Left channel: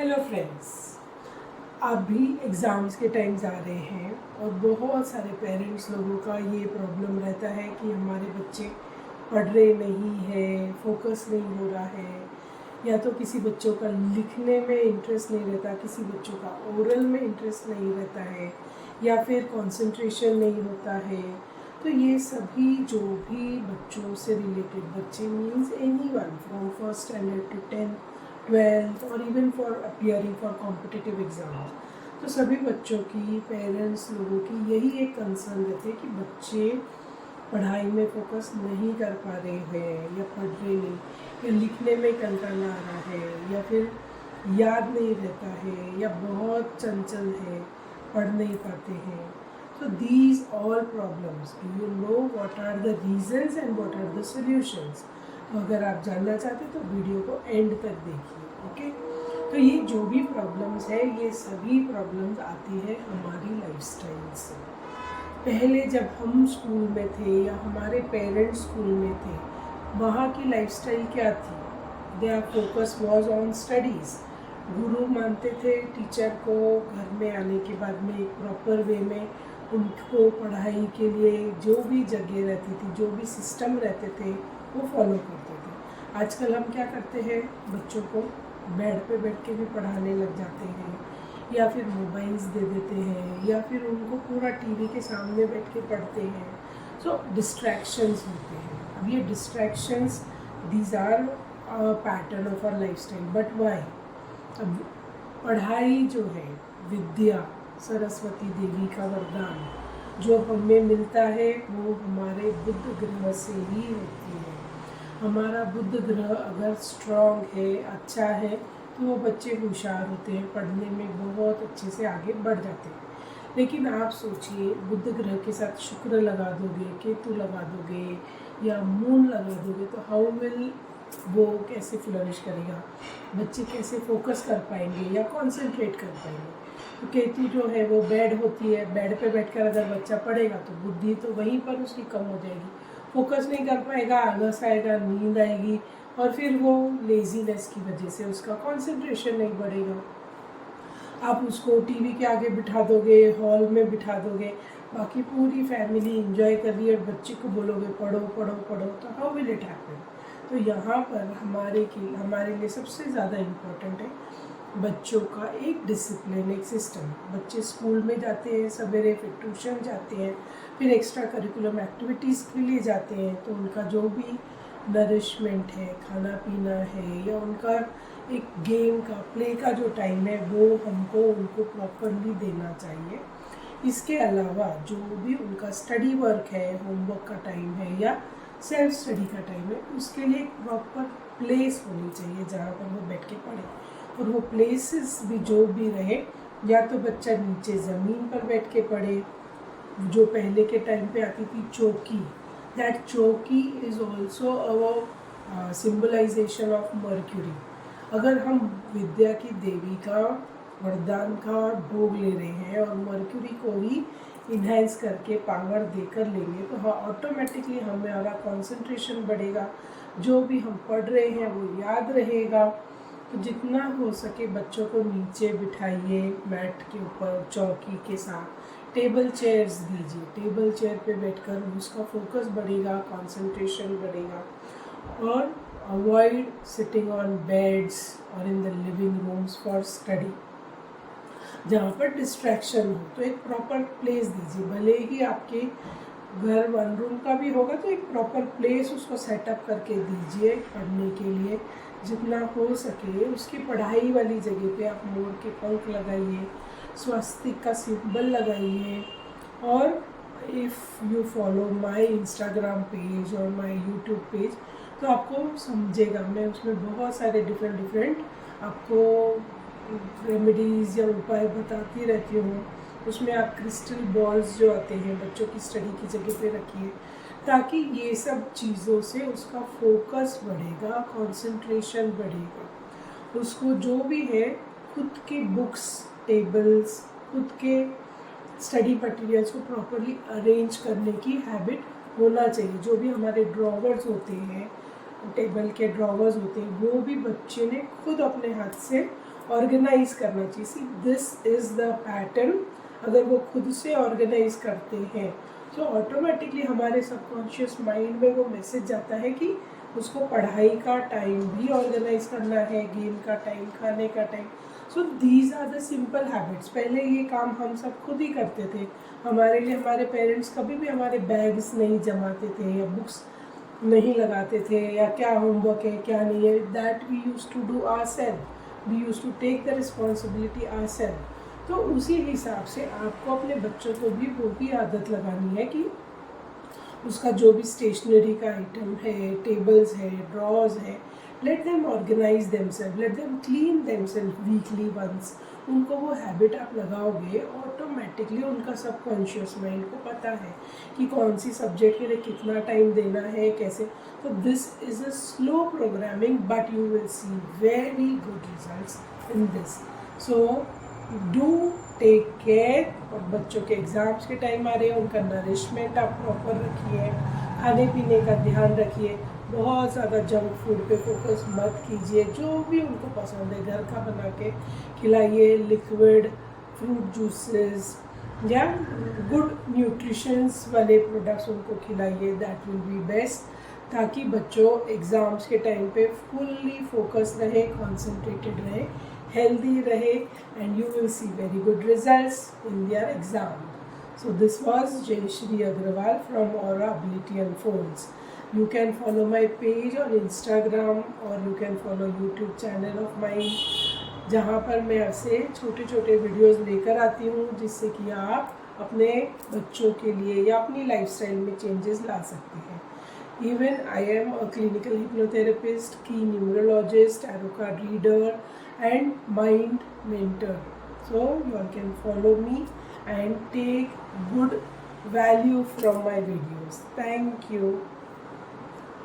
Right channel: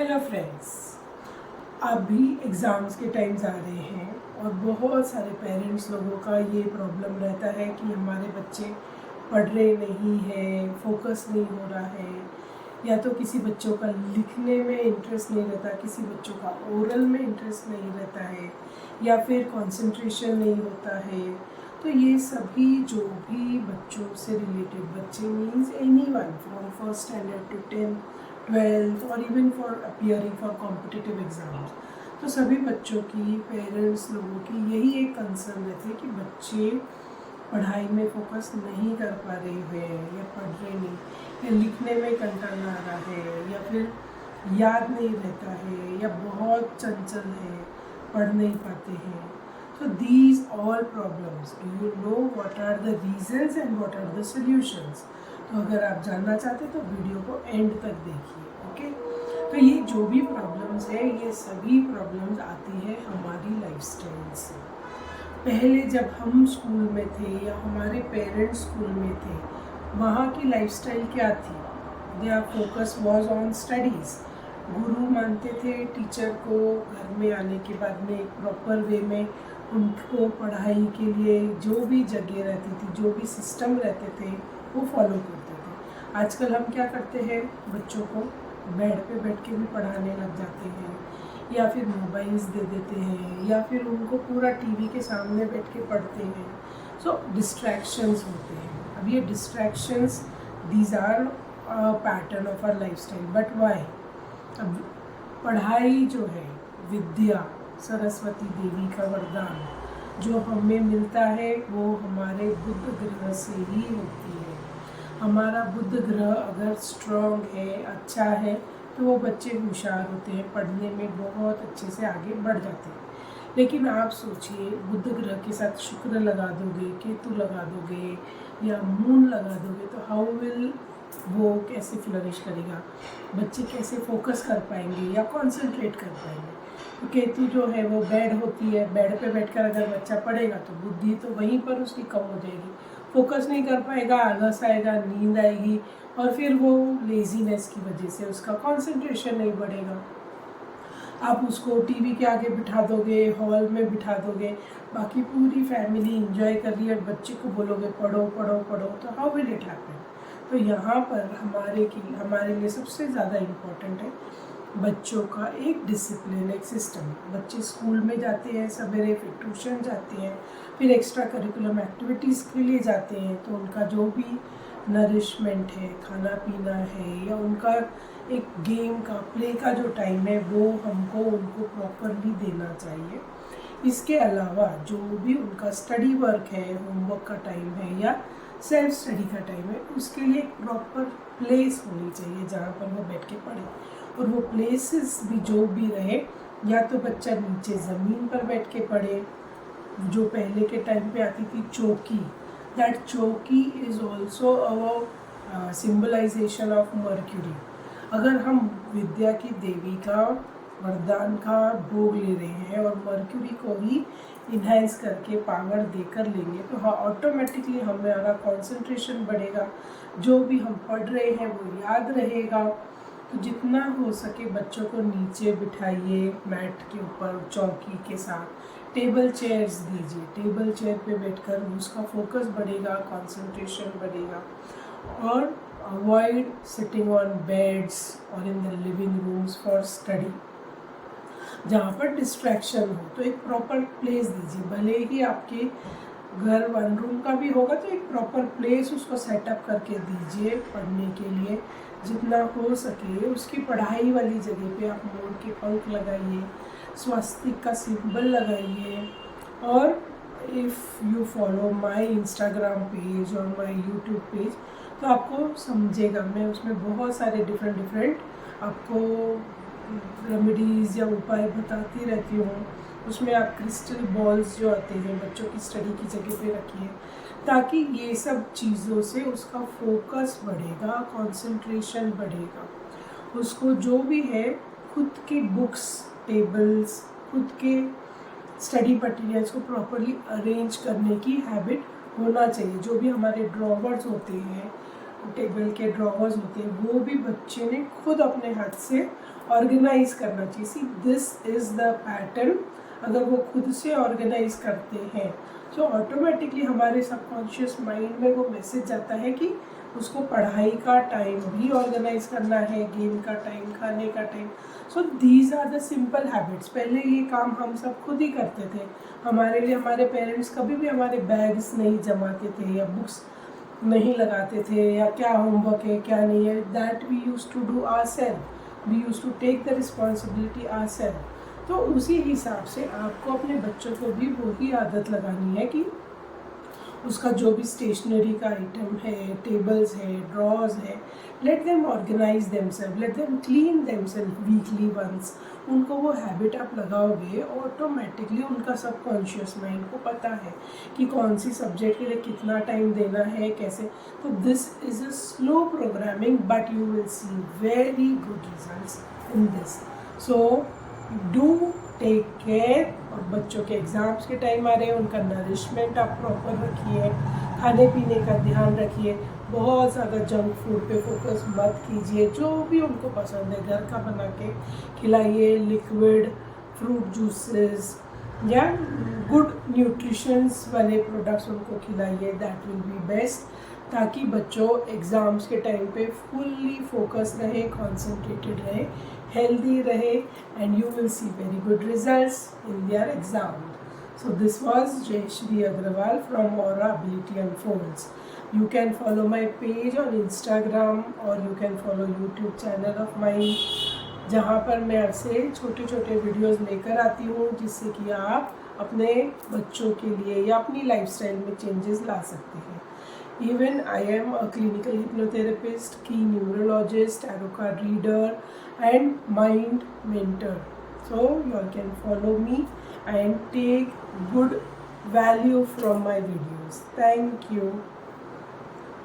Hello friends, अभी exams के times आ रहे हैं और बहुत सारे पेरेंट्स लोगों का ये प्रॉब्लम रहता है कि हमारे बच्चे पढ़ रहे नहीं हैं, फोकस नहीं हो रहा है, या तो किसी बच्चों का लिखने में इंटरेस्ट नहीं रहता, किसी बच्चों का ओरल में इंटरेस्ट नहीं रहता है, या फिर कंसंट्रेशन नहीं होता है। तो ये सभी जो भी बच्चों से रिलेटेड बच्चे means any one from first standard to 10th 12th और even for appearing for competitive exams, तो सभी बच्चों की पेरेंट्स लोगों की यही एक कंसर्न रहती है कि बच्चे पढ़ाई में फोकस नहीं कर पा रहे हैं, या पढ़ रहे नहीं, या लिखने में कंटाला आ रहा है, या फिर याद नहीं रहता है, या बहुत चंचल है, पढ़ नहीं पाते हैं। So these all problems, do you know what are the reasons and what are the solutions? तो अगर आप जानना चाहते तो वीडियो को एंड तक देखिए, ओके। तो ये जो भी प्रॉब्लम्स है, ये सभी प्रॉब्लम्स आती है हमारी लाइफस्टाइल से। पहले जब हम स्कूल में थे या हमारे पेरेंट्स स्कूल में थे, वहाँ की लाइफस्टाइल क्या थी? Their focus was on studies. गुरु मानते थे टीचर को, घर में आने के बाद में एक प्रॉपर वे में उनको पढ़ाई के लिए जो भी जगह रहती थी, जो भी सिस्टम रहते थे, वो फॉलो करते थे। आजकल हम क्या करते हैं, बच्चों को बेड पे बैठ के भी पढ़ाने लग जाते हैं, या फिर मोबाइल्स दे देते हैं, या फिर उनको पूरा टीवी के सामने बैठ के पढ़ते हैं। सो डिस्ट्रैक्शंस होते हैं। अब ये distractions, these are pattern of our lifestyle, but why? अब पढ़ाई जो है, विद्या सरस्वती देवी का वरदान जो हमें मिलता है, वो हमारे बुध ग्रह से ही होती है। हमारा बुध ग्रह अगर स्ट्रॉन्ग है, अच्छा है, तो वो बच्चे होशियार होते हैं, पढ़ने में बहुत अच्छे से आगे बढ़ जाते हैं। लेकिन आप सोचिए, बुध ग्रह के साथ शुक्र लगा दोगे, केतु लगा दोगे, या मून लगा दोगे, तो हाउ विल वो कैसे फ्लरिश करेगा? बच्चे कैसे फोकस कर पाएंगे या कॉन्सेंट्रेट कर पाएंगे? तो केतु जो है वो बेड होती है, बेड पे बैठकर अगर बच्चा पढ़ेगा तो बुद्धि तो वहीं पर उसकी कम हो जाएगी, फोकस नहीं कर पाएगा, आलस आएगा, नींद आएगी, और फिर वो लेजीनेस की वजह से उसका कंसंट्रेशन नहीं बढ़ेगा। आप उसको टीवी के आगे बिठा दोगे, हॉल में बिठा दोगे, बाकी पूरी फैमिली इंजॉय कर रही है, और बच्चे को बोलोगे पढ़ो पढ़ो पढ़ो, तो हाउ विल इट हैपन? तो यहाँ पर हमारे लिए सबसे ज़्यादा इम्पोर्टेंट है बच्चों का एक डिसिप्लिन, एक सिस्टम। बच्चे स्कूल में जाते हैं सवेरे, फिर ट्यूशन जाते हैं, फिर एक्स्ट्रा करिकुलम एक्टिविटीज़ के लिए जाते हैं, तो उनका जो भी नरिशमेंट है, खाना पीना है, या उनका एक गेम का, प्ले का जो टाइम है, वो हमको उनको प्रॉपरली देना चाहिए। इसके अलावा जो भी उनका स्टडी वर्क है, होमवर्क का टाइम है, या सेल्फ स्टडी का टाइम है, उसके लिए एक प्रॉपर प्लेस होनी चाहिए जहाँ पर वो बैठ के पढ़े। और वो प्लेसेस भी जो भी रहे, या तो बच्चा नीचे ज़मीन पर बैठ के पढ़े, जो पहले के टाइम पे आती थी चौकी, दैट चौकी is also a symbolization of mercury. अगर हम विद्या की देवी का वरदान का भोग ले रहे हैं और मर्क्यूरी को ही इन्हेंस करके पावर देकर लेंगे, तो हाँ, ऑटोमेटिकली हमारा कंसंट्रेशन बढ़ेगा, जो भी हम पढ़ रहे हैं वो याद रहेगा। तो जितना हो सके बच्चों को नीचे बिठाइए, मैट के ऊपर, चौकी के साथ, टेबल चेयर्स दीजिए, टेबल चेयर पे बैठकर उसका फोकस बढ़ेगा, कंसंट्रेशन बढ़ेगा। और अवॉइड सिटिंग ऑन बेड्स और in the living rooms for study, जहाँ पर डिस्ट्रैक्शन हो। तो एक प्रॉपर प्लेस दीजिए, भले ही आपके घर 1 रूम का भी होगा, तो एक प्रॉपर प्लेस उसको सेटअप करके दीजिए पढ़ने के लिए। जितना हो सके उसकी पढ़ाई वाली जगह पे आप मोर के पंख लगाइए, स्वास्तिक का सिंबल लगाइए। और if you follow my Instagram page और माय यूट्यूब पेज, तो आपको समझेगा, मैं उसमें बहुत सारे डिफरेंट आपको रेमेडीज़ या उपाय बताती रहती हूँ। उसमें आप क्रिस्टल बॉल्स जो आते हैं, बच्चों की स्टडी की जगह पे रखिए, ताकि ये सब चीज़ों से उसका फोकस बढ़ेगा, कंसंट्रेशन बढ़ेगा। उसको जो भी है, खुद की बुक्स, टेबल्स, खुद के स्टडी मटेरियल्स को प्रॉपरली अरेंज करने की हैबिट होना चाहिए। जो भी हमारे ड्रॉवर्स होते हैं, टेबल के ड्रॉवर्स होते हैं, वो भी बच्चे ने खुद अपने हाथ से ऑर्गेनाइज करना चाहिए। See this is the pattern. अगर वो खुद से ऑर्गेनाइज करते हैं तो ऑटोमेटिकली हमारे सबकॉन्शियस माइंड में वो मैसेज जाता है कि उसको पढ़ाई का टाइम भी ऑर्गेनाइज करना है, गेम का टाइम, खाने का time. So these are the simple habits. पहले ये काम हम सब खुद ही करते थे। हमारे लिए हमारे पेरेंट्स कभी भी हमारे बैग्स नहीं जमाते थे या बुक्स नहीं लगाते थे या क्या होमवर्क है क्या नहीं है, that we use to do our self, we use to take the responsibility our self. तो उसी हिसाब से आपको अपने बच्चों को भी वही आदत लगानी है कि उसका जो भी स्टेशनरी का आइटम है, टेबल्स है, ड्रॉर्स है, let them organise themselves, let them clean themselves weekly once. उनको वो हैबिट आप लगाओगे, ऑटोमेटिकली उनका सबकॉन्शियस माइंड को पता है कि कौन सी सब्जेक्ट के लिए कितना टाइम देना है, कैसे। तो this is a slow programming but you will see very good results in this. So do take care. और बच्चों के एग्ज़ाम्स के टाइम आ रहे हैं, उनका नरिशमेंट आप प्रॉपर रखिए, खाने पीने का ध्यान रखिए, बहुत ज़्यादा जंक फूड पे फोकस मत कीजिए। जो भी उनको पसंद है घर का बना के खिलाइए, लिक्विड फ्रूट जूसेस या गुड न्यूट्रिशंस वाले प्रोडक्ट्स उनको खिलाइए, दैट विल बी बेस्ट, ताकि बच्चों एग्ज़ाम्स के टाइम पे फुल्ली फोकस रहे, कॉन्सेंट्रेटेड रहे, healthy rahe, and you will see very good results in their exam. So this was Jayashri Agrawal from Aura Ability Unfolds. You can follow my page on Instagram or you can follow YouTube channel of mine, जहाँ पर मैं आपसे छोटे छोटे videos लेकर आती हूँ जिससे कि आप अपने बच्चों के लिए या अपनी लाइफस्टाइल में चेंजेस ला सकते हैं। Even I am a clinical hypnotherapist, key numerologist, tarot card reader and mind mentor. So you all can follow me and take good value from my videos. Thank you.